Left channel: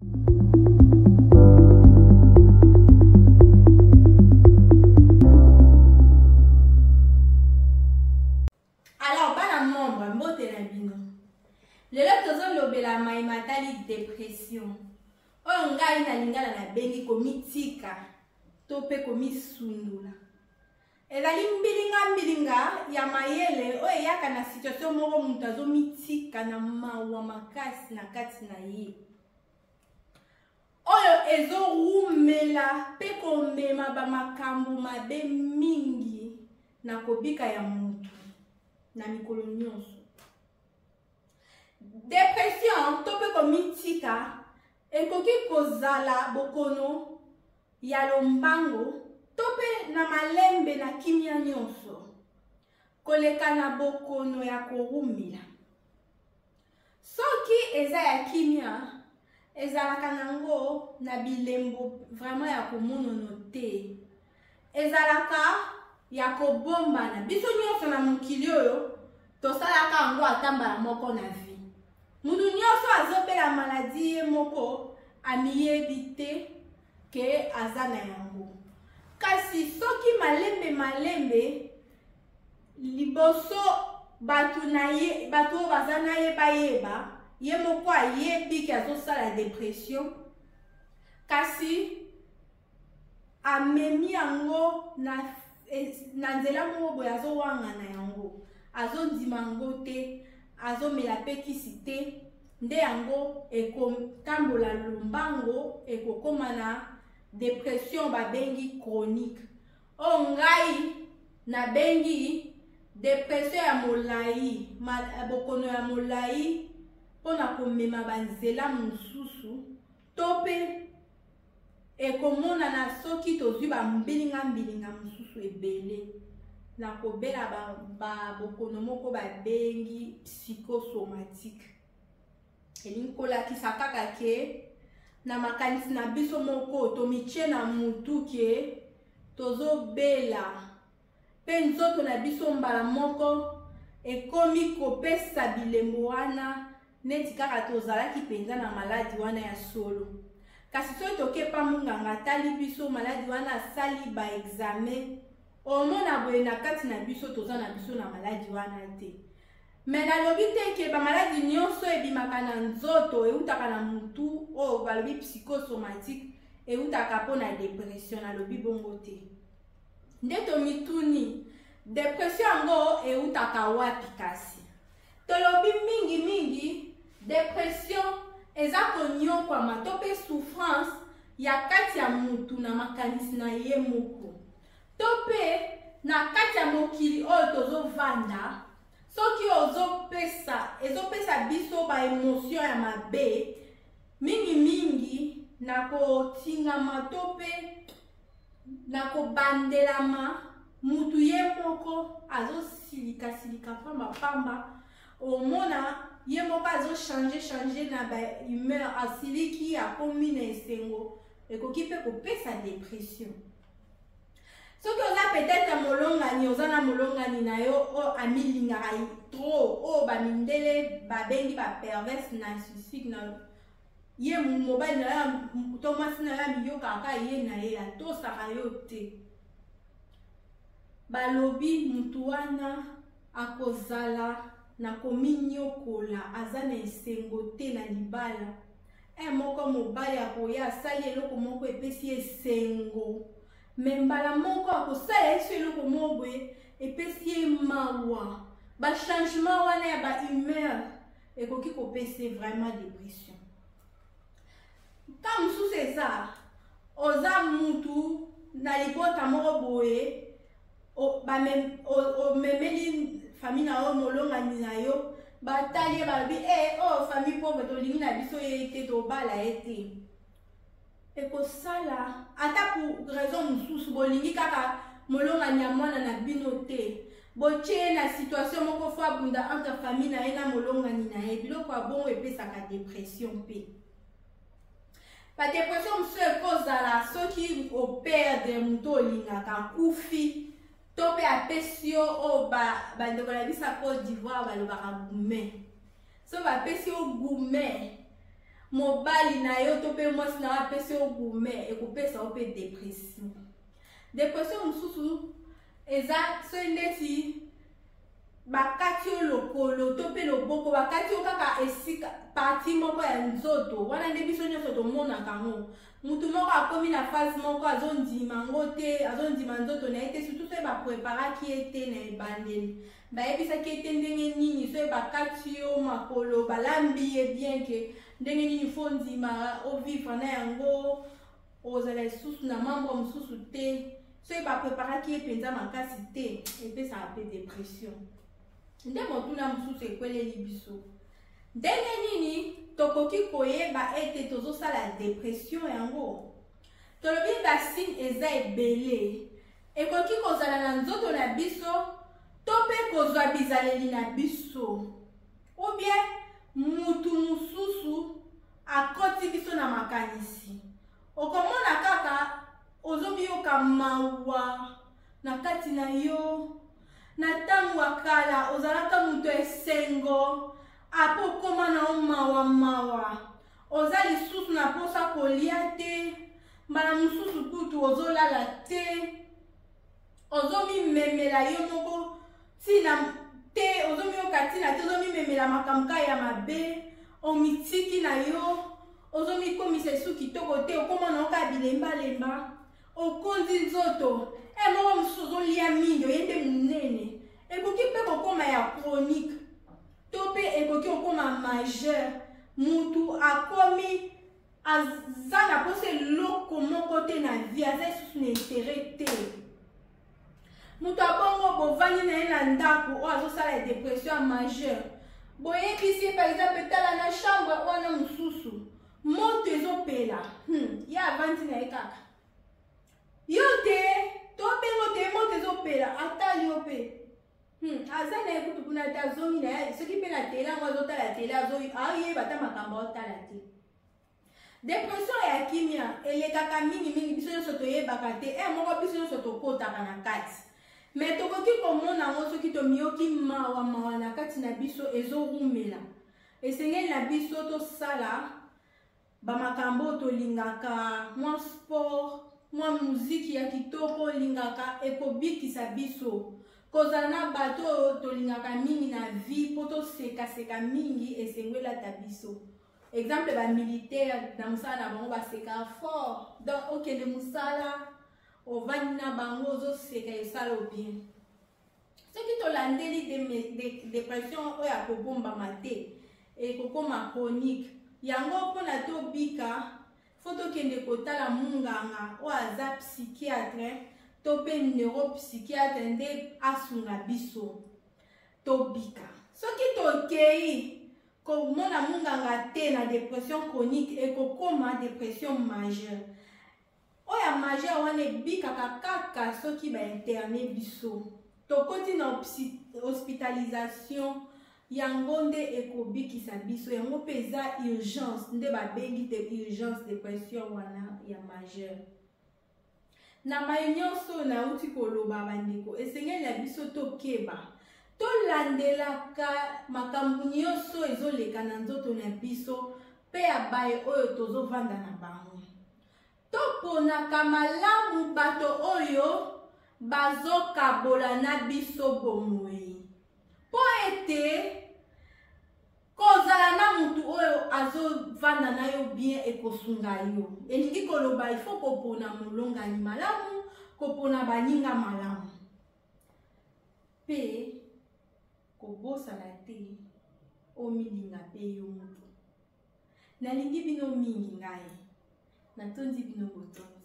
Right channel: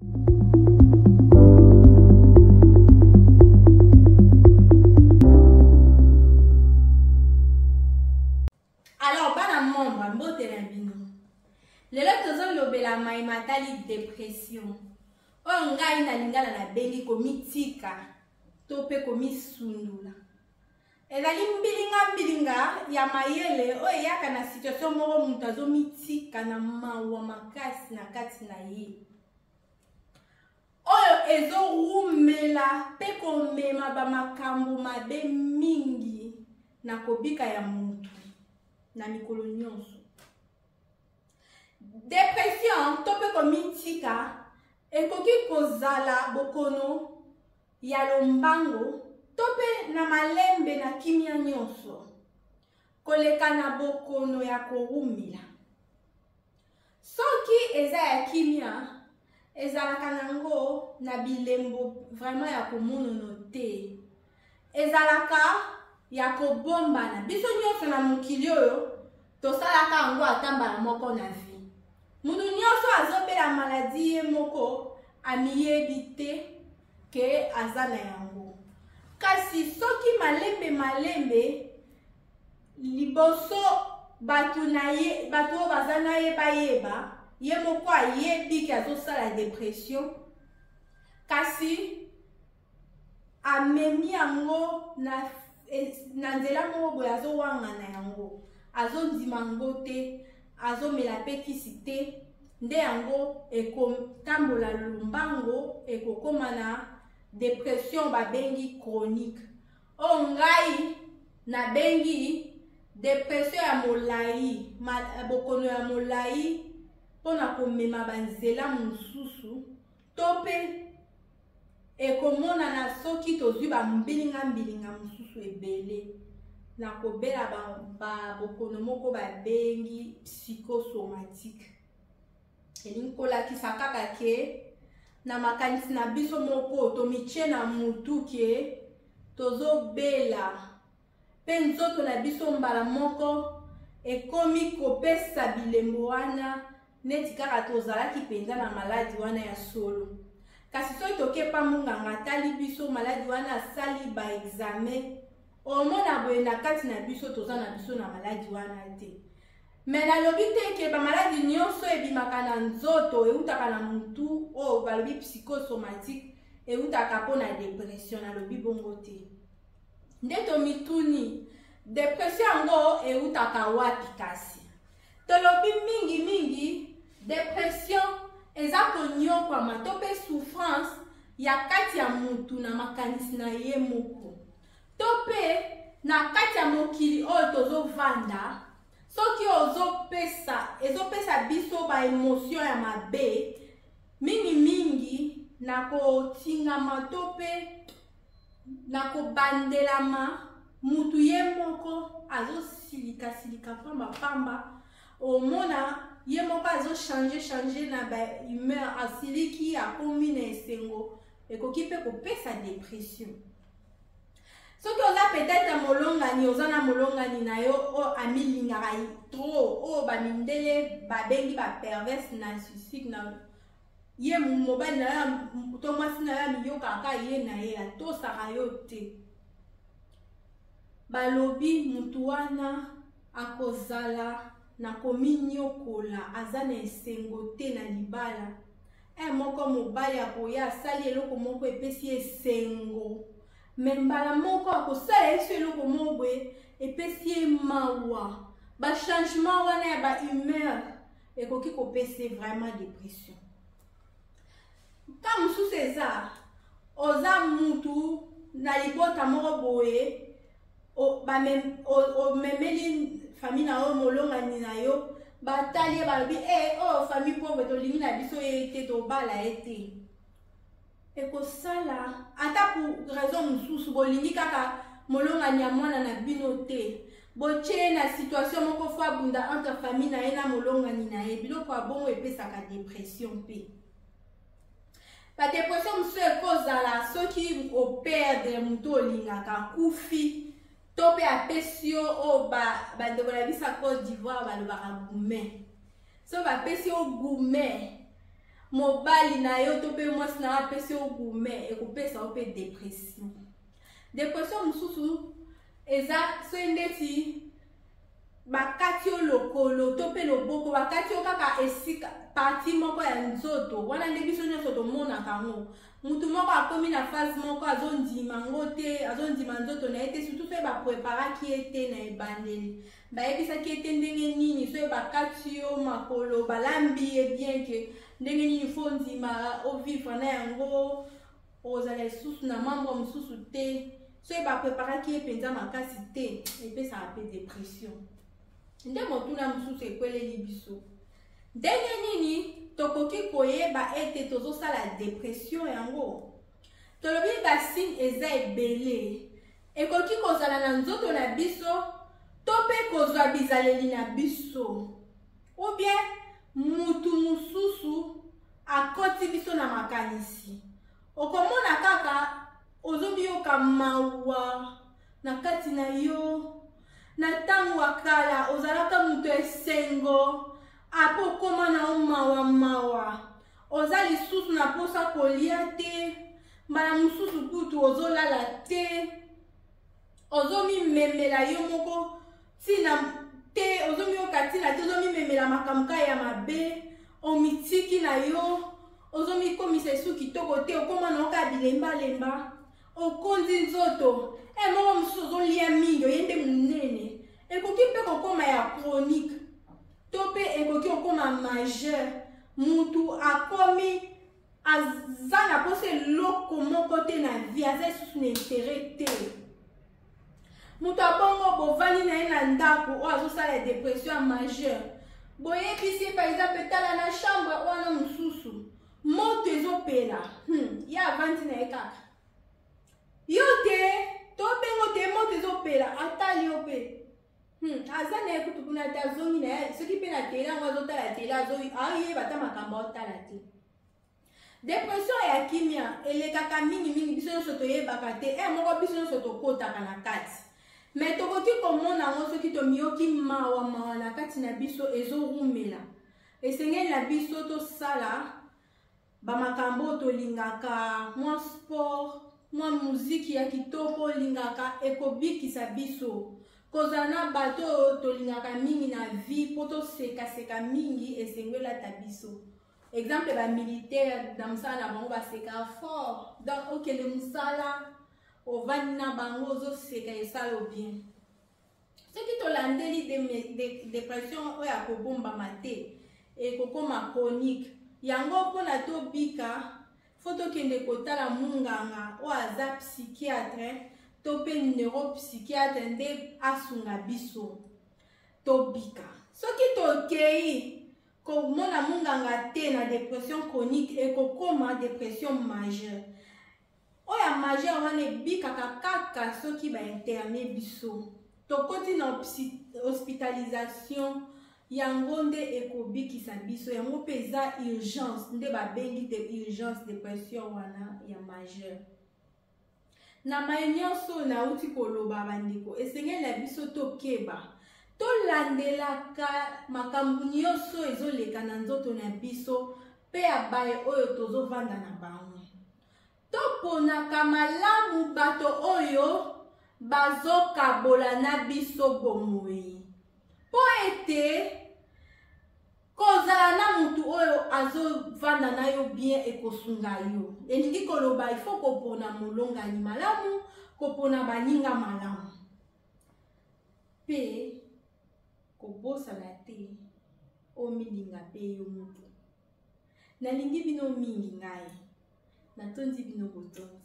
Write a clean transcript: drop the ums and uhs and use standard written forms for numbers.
Alors, bana membre, mbote na bino. Lelo tozolobela mai matali dépression. O ngai na lingala na bengi komitika to pe komisundula. Ezali mbilinga ya mayele o eyaka na situation moko mutu azomitika na mawa makasi na kati na ye. Oyo ezorumela pe komema ba makambo mabe mingi na kobika ya mutu na mikolo nyonso. Dépression to pe komitika ekoki kozala bokono ya lombango to pe na malembe na kimia nyonso koleka na bokono ya korumila. Soki eza ya kimia ezalaka nango na bilembo vraiment ya komonono te. Ezalaka ya kobombana. Biso nyonso na mokili oyo tosalaka yango atambala moko na vie. Mutu nyonso azobela maladi ye moko amiyebi te ke aza na yango. Kasi soki malembe liboso batu baza na yeba ye moko ayebi ke azosala dépression, kasi amemi yango na nzela moko boye azowangana yango, azondima yango te, azomela pe kisi te, nde yango ekotambola lombango ekokoma na dépression babengi chronique. O ngai na bengi dépression ya molai, bokono ya molai pona komema banzela mosusu to pe ekomona na soki tozwi bambilinga mosusu ebele na kobela bokono moko babengi psychosomatique. Elingi kolakisa kaka ke na makanisi na biso moko tomitie na mutu ke tozobela pe nzoto na biso mbala moko ekomi kopesa bilembo wana neti kaka tozalaki penza na maladi wana ya solo. Kasi soki tokepa munganga tali biso maladi wana asali ba examen omona boye na kati na biso toza na biso na maladi wana te. Mais nalobi te ke ba maladi nyonso ebimaka na nzoto eutaka na mutu o balobi psychosomatique eutaka po na dépression, nalobi bongo te. Nde tomituni dépression yango eutaka wapi kasi? Tolobi mingi dépression eza konyokwama to pe souffrance ya kati ya mutu na makanisi na ye moko to pe na kati ya mokili oyo tozovanda. Soki ezopesa biso ba émotion ya mabe mingi na kotingama to pe na kobandelama, mutu ye moko azosilika pamba omona ye moko changer na ba humeur, asiliki akomi na esengo ekoki pe kopesa dépression. Soki oza peut-être molongani, oza na molongani na yo o amilingaka trop o bamindele babengi ba perverse narcissique na ye mobali na ya to mwasi na ya miyokaka ye na ye atosaka yo te. Balobi mutu wana akozala na kominyokola aza na esengo te na libala. Moko mobali akoya asali eloko moko epesi esengo, membala moko akosala yesu eloko moko epesi ye mawa. Ba changement wana ya ba humeur ekoki kopesa vraiment dépression. Ka mususu eza oza mutu na libota moko boye memeli famille na yo molongani na yo batali balobi oh famille pauvre tolingi na biso ye te tobala ye te. Ekosala ata pour raison mosusu bolingi kaka molongani ya mwana na bino te, botie na situation moko fo abunda entre famille na ye na molongani na ye, biloko ya bongo epesaka dépression pe. Ba dépression mosusu ekozala soki operdre mutu olingaka kufi to pe apesi yo o bandeko na biso Côte d'Ivoire balobaka gume. So bapesi yo gume mobali na yo to pe mwasi na apesi yo gume ekopesa yo pe dépression. Dépression mosusu eza so ndeti bakati yo lokolo to pe loboko bakati yo kaka esika parti moko ya nzoto wana nde biso nyonso tomonaka ngo. Mutu moko akomi na phase moko azondima ngo te azondima nzoto na ye te surtout so bapreparaki ye te na ebandeli bayebisaki ye te ndenge nini so bakati yo makolo balambi ye bien ke ndenge nini fo ndima ovivre na yango ozala lisusu na mambo mosusu te so bapreparaki ye mpenza makasi te epesaka mpe dépression. Nde motuna mosusu ekweleli biso ndenge nini tokoki koyeba ete tozosala dépression yango. Tolobi basine eza ebele ekoki kozala na nzoto na biso to mpe kozwa bizaleli na biso ou bien mutu mosusu akoti biso na makanisi okomona kaka ozobiyoka mawa na kati na yo na ntango ya kala ozalaka mutu esengo apo koma na mawa oza lisusu na posa kolia te mbala mosusu kutu ozolala te ozomimemela yo moko tina te ozomiyoka tina te ozomimemela makambo ya mabe omitiki na yo ozomikomisa esu kitoko te okoma na oka bilembalemba okondi nzoto moko mosusu ozolia mingi oyende monene ekoki mpe kokoma ya chronique to mpe ekoki okoma majeur mutu akomi aza na posa eloko moko te na vie aza lisusu na intere te mutu abongo bovandi na ye na ndako oyo azosala dépression ya majeur boyebisi ye par exemple tala na chambre wana mosusu moto ezopela ye avandi na ye kaka yo te to mpengo te moto ezopela atali yo mpe aza na ye kutu kuna te azongi na ye soki mpe na tele yango azotala tele aoyeba ta makambo aotala te. Dépression ya kimia elekaka mingi biso nyonso toyebaka te moko biso nyonso tokotaka na kati me tokoki komona yango soki tomiyoki mawa na kati na biso ezorumela esengeli na biso tosala bamakambo tolingaka mwa sport mwa muziki ya kitoko olingaka ekobikisa biso kozala na bato tolingaka mingi na vie po tosekaseka mingi esengwelata biso. Exemple ba militaire na musala na bango baseka fort donc okende musala ovandi na bango ozoseka esala bien. Soki tolandeli dépression oyo akobombama te ekokoma chronique yango mpona tobika fo tokende kotala munganga oyo aza psychiatre to mpe neuropsychiatre nde asunga biso tobika. Soki tokei komona munganga te na dépression chronique ekokoma dépression majeure oya majeure wana ebikaka kaka soki bainterne biso tokoti na hospitalisation yango nde ekobikisa biso yango mpe eza urgence nde babengi te urgence dépression wana ya majeure. Na mai nyonso nauti koloba bandeko esengeli na biso tokeba tolandelaka makambo nyonso ezoleka na nzoto na biso mpe ya baye oyo tozovanda na bango toponaka malamu bato oyo bazokabola na biso bomoi po ete kozala na mutu oyo azovanda na yo bien ekosunga yo elingi koloba ifo kopona molongani malamu kopona baninga malamu mpe kobosana te omilinga mpe yo mutu nalingi bino mingi ngai natondi bino botondi